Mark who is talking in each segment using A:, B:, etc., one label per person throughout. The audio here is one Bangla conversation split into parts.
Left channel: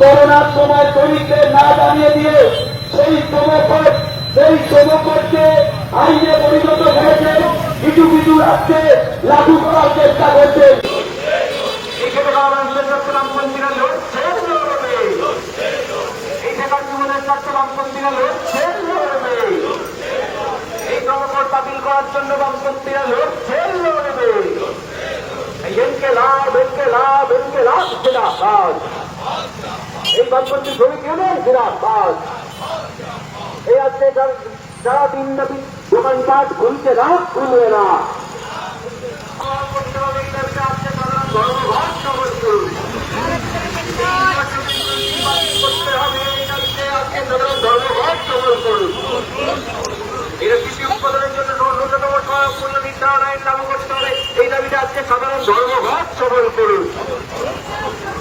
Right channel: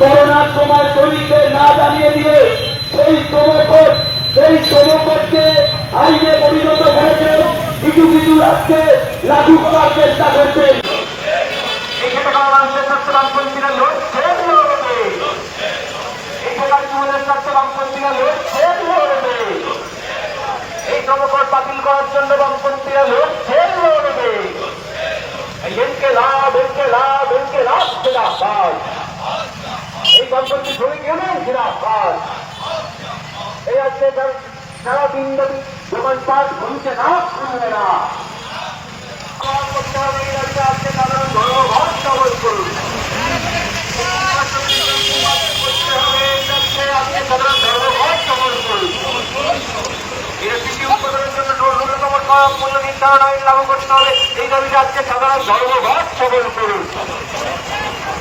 A: করোনার সময় শ্রমিকদের না জানিয়ে দিয়ে সেই শ্রমকোট সেই শ্রমকোটকে আইনে পরিণত করেছেন কিছু কিছু রাজ্যে লাগু করার চেষ্টা করছেন
B: এই লড়বে লড়বে কর্মকর বাতিল করার জন্য বামপন্থীরা লড়ছে লড়বে এই এনকে লাভ এনকে লাভ এনকে লাভ। এই বামপন্থী শ্রমিক ইউনিয়ন এই আজকে সারা দিন ব্যাপী দোকানপাট খুলছে না, খুলবে না। সাধারণ ধর্মঘট সবল করুন মূল্য করতে হবে এই দাবিতে আজকে সাধারণ ধর্মঘট সবল করুন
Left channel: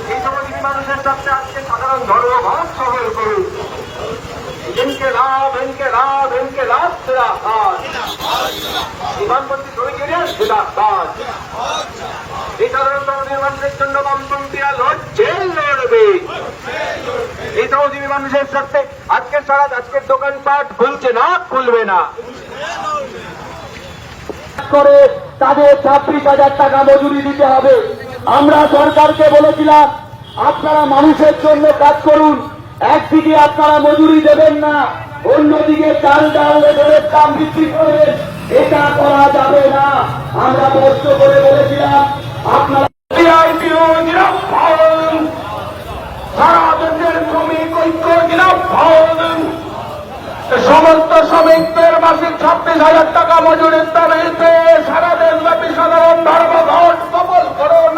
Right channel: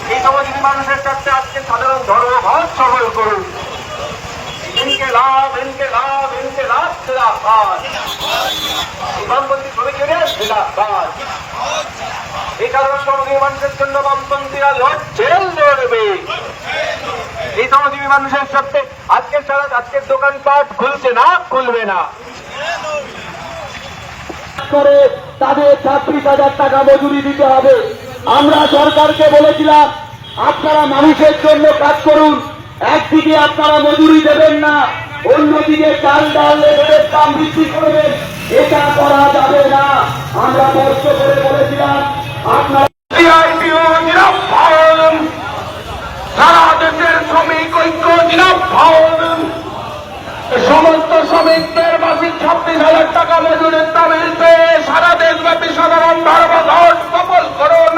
B: এই সমাজের মানুষের স্বার্থে আজকে সাধারণ ধর্মঘট করুন। ইনকে লাভ ইনকে লাভ ইনকে লাভ সিরাবাদ বামপন্থী শ্রমিক এই সাধারণ সমাজের মানুষের জন্য বামপন্থীরা লড়ছে, লড়বে। এই সমাজের মানুষের স্বার্থে আজকের সারা আজকের দোকানপাট খুলছে না, খুলবে না।
A: করে তাদের ছাত্রিশ হাজার টাকা মজুরি দিতে হবে। আমরা সরকারকে বলেছিলাম, আপনারা মানুষের জন্য কাজ করুন। একদিকে আপনারা মজুরি দেবেন না, অন্যদিকে চাল ডাল লেবরের দাম বৃদ্ধি করবেন। এটা করা যাবে না। আমরা কষ্ট করে বলেছিলাম, আপনারা
B: সারা দেশের ঐক্য সমস্ত শ্রমিকদের মাসিক ছাব্বিশ হাজার টাকা মজুরির দাবিতে সারা দেশব্যাপী সাধারণ ধর্মঘট সফল করুন।